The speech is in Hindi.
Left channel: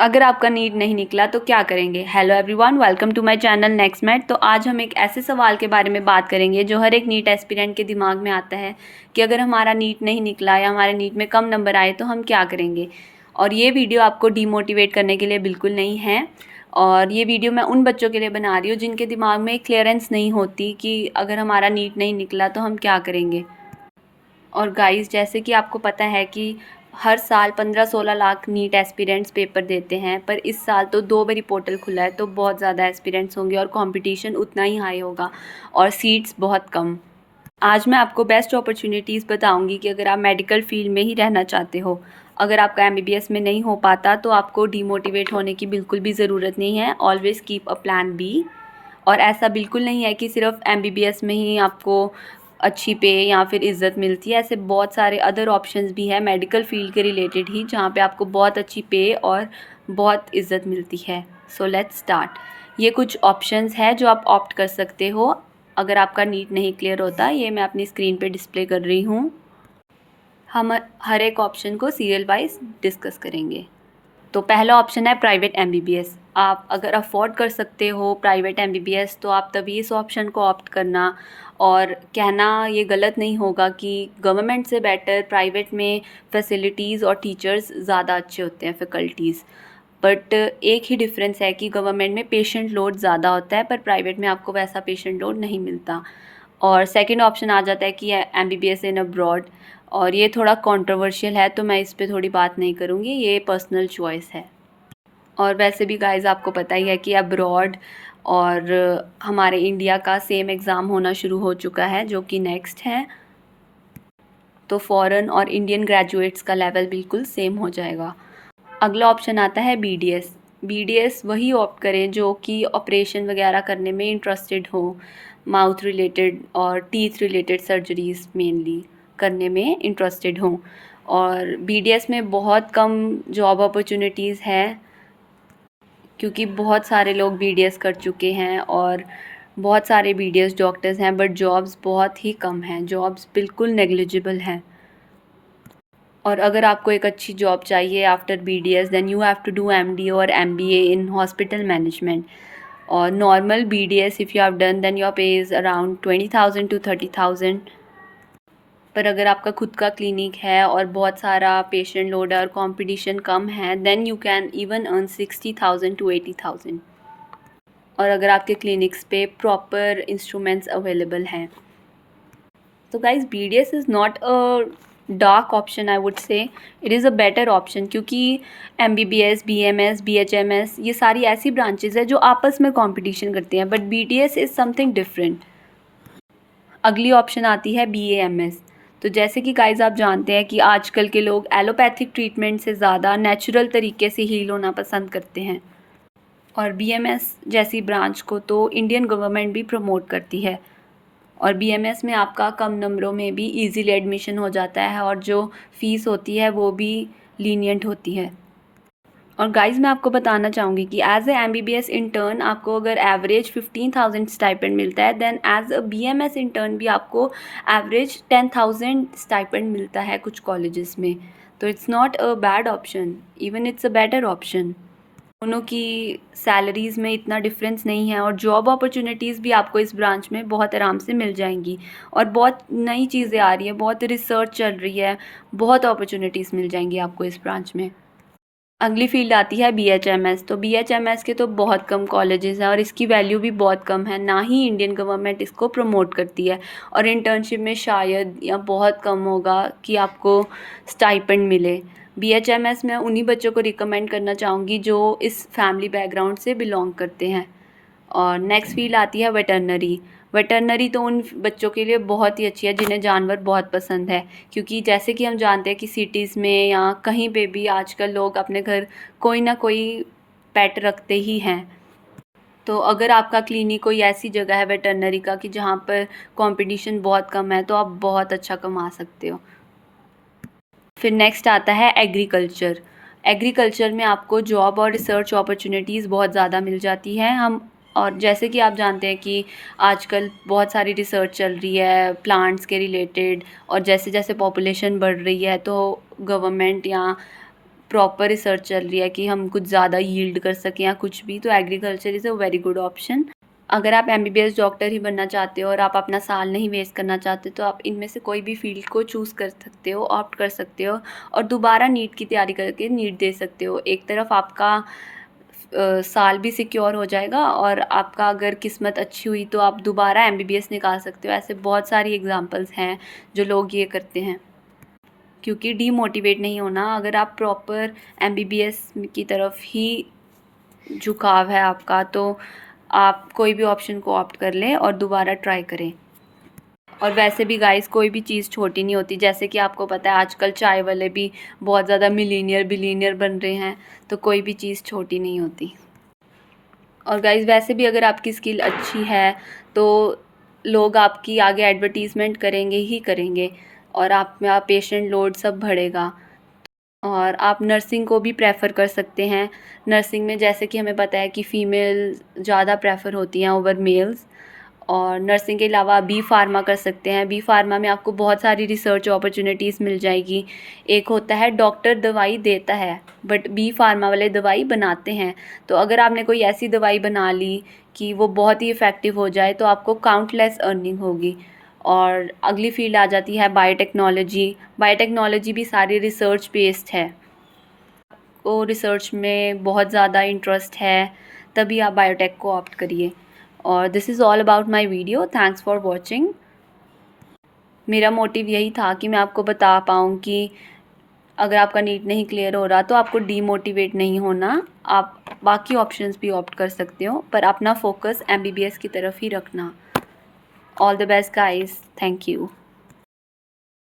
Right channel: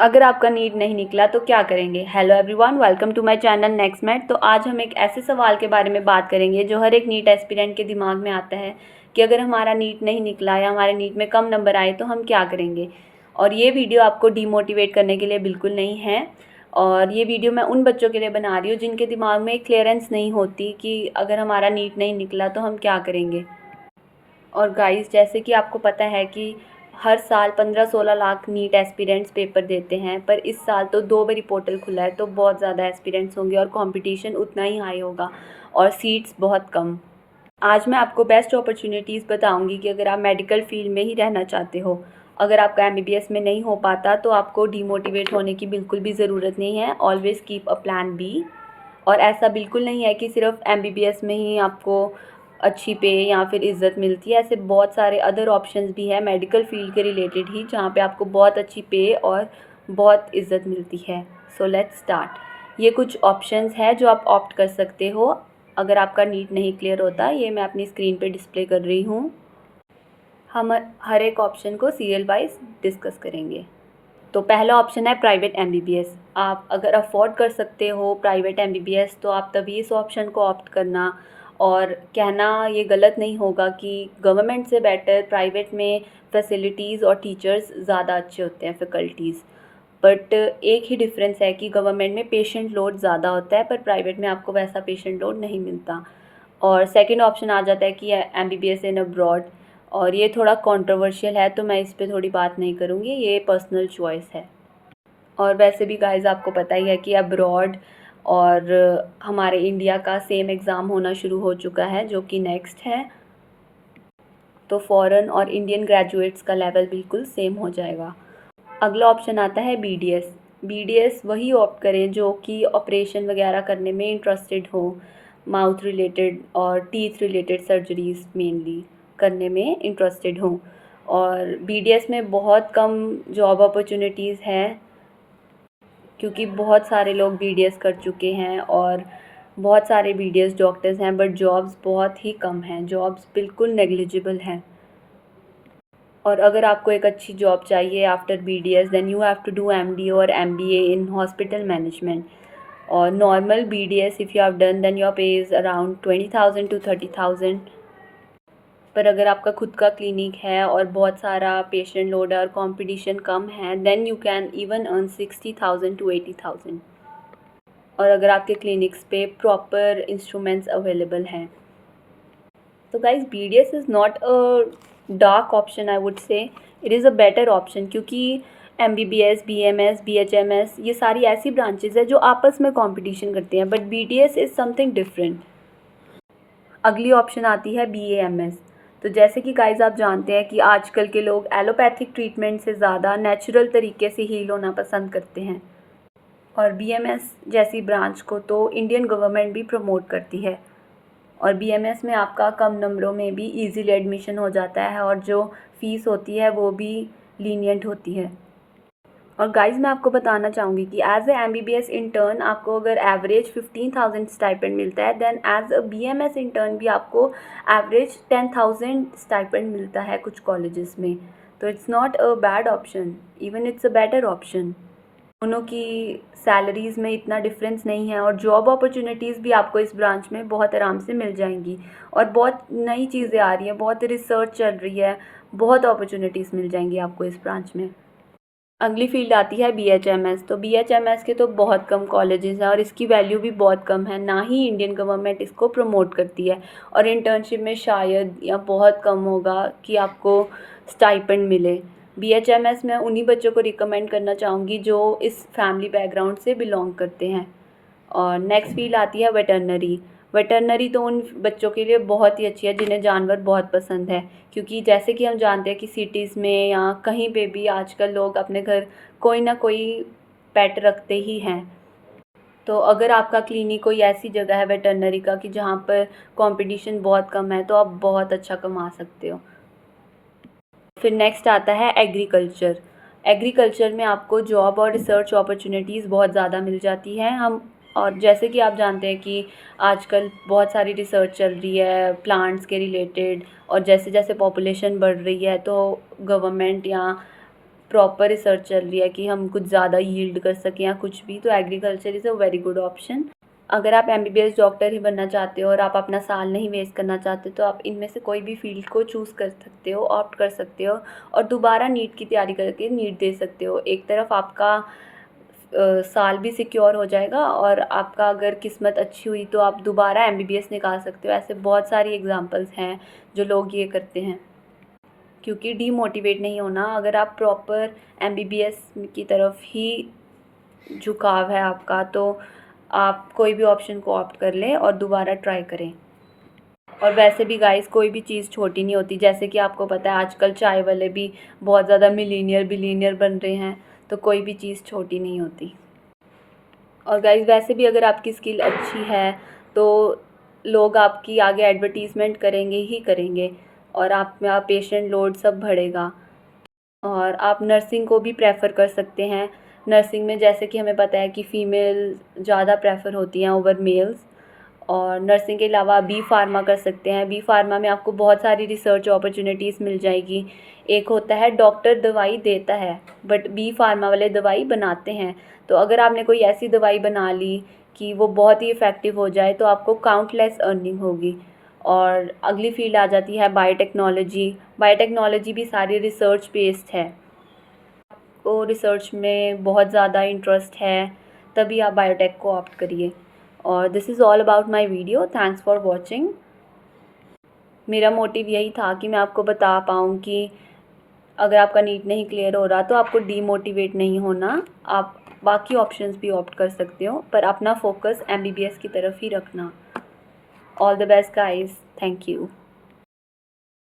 अगर आपका नीट नहीं निकला तो क्या करेंगे। Hello everyone, welcome to my channel next mat. तो आज हम एक ऐसे सवाल के बारे में बात करेंगे जो हर एक नीट एस्पिरेंट के दिमाग में आता है कि अगर हमारा नीट नहीं निकला या हमारे नीट में कम नंबर आए तो हम क्या करेंगे। और ये वीडियो आपको डीमोटिवेट करने के लिए बिल्कुल नहीं है। और ये वीडियो मैं उन बच्चों के लिए बना रही हूँ जिनके दिमाग में क्लियरेंस नहीं होती कि अगर हमारा नीट नहीं निकला तो हम क्या करेंगे। और गाइस, जैसे कि आपको पता है कि हर साल 15-16 लाख नीट एस्पिरेंट्स पेपर देते हैं, पर इस साल तो 2 बारी पोर्टल खुला है तो बहुत ज़्यादा एस्पिरेंट्स होंगे और कंपटीशन उतना ही हाई होगा और सीट्स बहुत कम। आज मैं आपको बेस्ट अपॉर्चुनिटीज़ बताऊंगी कि अगर आप मेडिकल फील्ड में ही रहना चाहते हो, अगर आपका एमबीबीएस में नहीं हो पाता तो आपको डीमोटिवेट होने की बिल्कुल भी ज़रूरत नहीं है। Always keep a plan B. और ऐसा बिल्कुल नहीं है कि सिर्फ एमबीबीएस में ही आपको अच्छी पे या फिर इज़्ज़त मिलती है। ऐसे बहुत सारे अदर ऑप्शंस भी हैं मेडिकल फील्ड के रिलेटेड ही, जहाँ पे आपको बहुत अच्छी पे और बहुत इज़्ज़त मिलती है। So let's start. ये कुछ ऑप्शंस हैं जो आप ऑप्ट कर सकते हो अगर आपका नीट नहीं क्लियर होता। ये मैं अपनी स्क्रीन पे डिस्प्ले कर रही हूँ। हम हर एक ऑप्शन को सीरियल वाइज डिस्कस करेंगे। तो पहला ऑप्शन है प्राइवेट एमबीबीएस। आप अगर अफोर्ड कर सकते हो प्राइवेट एमबीबीएस तो आप तभी इस ऑप्शन को ऑप्ट करना। और कहना ये गलत नहीं होगा कि गवर्नमेंट से बेटर प्राइवेट में फैसिलिटीज़ और टीचर्स ज़्यादा अच्छे होते हैं, फैकल्टीज़। बट एक ही डिफरेंस है कि गवर्नमेंट में पेशेंट लोड ज़्यादा होता है पर प्राइवेट में आपको वैसा पेशेंट लोड नहीं मिलता। और सेकंड ऑप्शन आ जाता है कि एमबीबीएस इन अब्रॉड। और ये थोड़ा कंट्रोवर्शियल है तो मैं इस पे थोड़ी बात नहीं करूँगी, ये पर्सनल चॉइस है। और वैसे भी गाइस आपको पता ही है कि अब्रॉड और हमारे इंडिया का सेम एग्ज़ाम होना शुरू हो चुका है जो कि नेक्स्ट है। तो फॉरेन और इंडियन ग्रेजुएट्स का लेवल बिल्कुल सेम हो जाएगा। अगला ऑप्शन आता है बीडीएस। बीडीएस वही ऑप्ट करें जो कि ऑपरेशन वगैरह करने में इंटरेस्टेड हो, माउथ रिलेटेड और टीथ रिलेटेड सर्जरीज मेनली करने में इंटरेस्टेड हों। और बीडीएस में बहुत कम जॉब अपॉर्चुनिटीज़ हैं क्योंकि बहुत सारे लोग बीडीएस कर चुके हैं और बहुत सारे बीडीएस डॉक्टर्स हैं, बट जॉब्स बहुत ही कम हैं, जॉब्स बिल्कुल नेग्लिजिबल हैं। और अगर आपको एक अच्छी जॉब चाहिए after BDS then you have to do MD और एमबीए इन हॉस्पिटल मैनेजमेंट। और normal BDS if you have done then your pay is around 20,000 to 30,000। पर अगर आपका खुद का क्लिनिक है और बहुत सारा पेशेंट लोड है और कंपटीशन कम है then you can even earn 60,000 to 80,000। और अगर आपके क्लिनिक्स पे प्रॉपर इंस्ट्रूमेंट्स अवेलेबल हैं। तो guys BDS is not a dark option, I would say it is a better option क्योंकि MBBS, BMS, BHMS ये सारी ऐसी ब्रांचेज है जो आपस में कंपटीशन करती हैं, but BDS is something different. अगली ऑप्शन आती है BAMS। तो जैसे कि गाइज आप जानते हैं कि आजकल के लोग एलोपैथिक ट्रीटमेंट से ज़्यादा नेचुरल तरीके से हील होना पसंद करते हैं। और BMS जैसी ब्रांच को तो इंडियन गवर्नमेंट भी प्रमोट करती है। और BMS में आपका कम नंबरों में भी इजीली एडमिशन हो जाता है और जो फ़ीस होती है वो भी लीनियंट होती है। और गाइस मैं आपको बताना चाहूँगी कि एज ए MBBS इंटर्न आपको अगर एवरेज 15,000 स्टाइपेंड मिलता है then as a BMS intern भी आपको एवरेज 10,000 स्टाइपेंड मिलता है कुछ कॉलेजेस में। तो it's not a bad option, even it's a better option. दोनों की सैलरीज़ में इतना डिफरेंस नहीं है और जॉब अपॉर्चुनिटीज़ भी आपको इस ब्रांच में बहुत आराम से मिल जाएंगी। और बहुत नई चीज़ें आ रही हैं, बहुत रिसर्च चल रही है, बहुत अपॉर्चुनिटीज़ मिल जाएंगी आपको इस ब्रांच में। अगली फील्ड आती है BHMS। तो BHMS के तो बहुत कम कॉलेजेस हैं और इसकी वैल्यू भी बहुत कम है, ना ही इंडियन गवर्नमेंट इसको प्रमोट करती है। और इंटर्नशिप में शायद या बहुत कम होगा कि आपको स्टाइपेंड मिले। BHMS में उन्हीं बच्चों को रिकमेंड करना चाहूँगी जो इस फैमिली बैकग्राउंड से बिलोंग करते हैं। और नेक्स्ट फील्ड आती है वेटरनरी। वेटरनरी तो उन बच्चों के लिए बहुत ही अच्छी है जिन्हें जानवर बहुत पसंद है, क्योंकि जैसे कि हम जानते हैं कि सिटीज़ में या कहीं पे भी आजकल लोग अपने घर कोई ना कोई पेट रखते ही हैं। तो अगर आपका क्लिनिक कोई ऐसी जगह है वेटरनरी का कि जहाँ पर कंपटीशन बहुत कम है तो आप बहुत अच्छा कमा सकते हो। फिर नेक्स्ट आता है एग्रीकल्चर। एग्रीकल्चर में आपको जॉब और रिसर्च अपॉर्चुनिटीज़ बहुत ज़्यादा मिल जाती हैं। हम और जैसे कि आप जानते हैं कि आजकल बहुत सारी रिसर्च चल रही है प्लांट्स के रिलेटेड, और जैसे जैसे पॉपुलेशन बढ़ रही है तो गवर्नमेंट या प्रॉपर रिसर्च चल रही है कि हम कुछ ज़्यादा यील्ड कर सकें या कुछ भी, तो agriculture is a very good option. अगर आप एमबीबीएस डॉक्टर ही बनना चाहते हो और आप अपना साल नहीं वेस्ट करना चाहते, तो आप इनमें से कोई भी फील्ड को चूज़ कर सकते हो, ऑप्ट कर सकते हो और दोबारा नीट की तैयारी करके नीट दे सकते हो। एक तरफ आपका साल भी सिक्योर हो जाएगा और आपका अगर किस्मत अच्छी हुई तो आप दोबारा एमबीबीएस निकाल सकते हो। ऐसे बहुत सारी एग्जांपल्स हैं जो लोग ये करते हैं। क्योंकि डीमोटिवेट नहीं होना, अगर आप प्रॉपर एमबीबीएस की तरफ ही झुकाव है आपका, तो आप कोई भी ऑप्शन को ऑप्ट कर लें और दोबारा ट्राई करें। और वैसे भी गाइस, कोई भी चीज़ छोटी नहीं होती। जैसे कि आपको पता है आजकल चाय वाले भी बहुत ज़्यादा मिलीनियर बिलीनियर बन रहे हैं, तो कोई भी चीज़ छोटी नहीं होती। और गाइस, वैसे भी अगर आपकी स्किल अच्छी है तो लोग आपकी आगे एडवर्टीज़मेंट करेंगे ही करेंगे और आप में आप पेशेंट लोड सब बढ़ेगा। और आप नर्सिंग को भी प्रेफर कर सकते हैं। नर्सिंग में जैसे कि हमें पता है कि फ़ीमेल ज़्यादा प्रेफर होती हैं ओवर मेल्स। और नर्सिंग के अलावा आप बी फार्मा कर सकते हैं। बी फार्मा में आपको बहुत सारी रिसर्च अपॉर्चुनिटीज़ मिल जाएगी। एक होता है डॉक्टर दवाई देता है, बट बी फार्मा वाले दवाई बनाते हैं। तो अगर आपने कोई ऐसी दवाई बना ली कि वो बहुत ही इफ़ेक्टिव हो जाए, तो आपको काउंटलेस अर्निंग होगी। और अगली फील्ड आ जाती है बायोटेक्नोलॉजी। बायोटेक्नोलॉजी भी सारी रिसर्च बेस्ड है। को रिसर्च में बहुत ज़्यादा इंटरेस्ट है, तभी आप बायोटेक को ऑप्ट करिए। और this is all about my video. Thanks for watching. मेरा मोटिव यही था कि मैं आपको बता पाऊँ कि अगर आपका नीट नहीं क्लियर हो रहा तो आपको डीमोटिवेट नहीं होना। आप बाकी ऑप्शंस भी ऑप्ट कर सकते हो, पर अपना फोकस एमबीबीएस की तरफ ही रखना। All the best guys, thank you.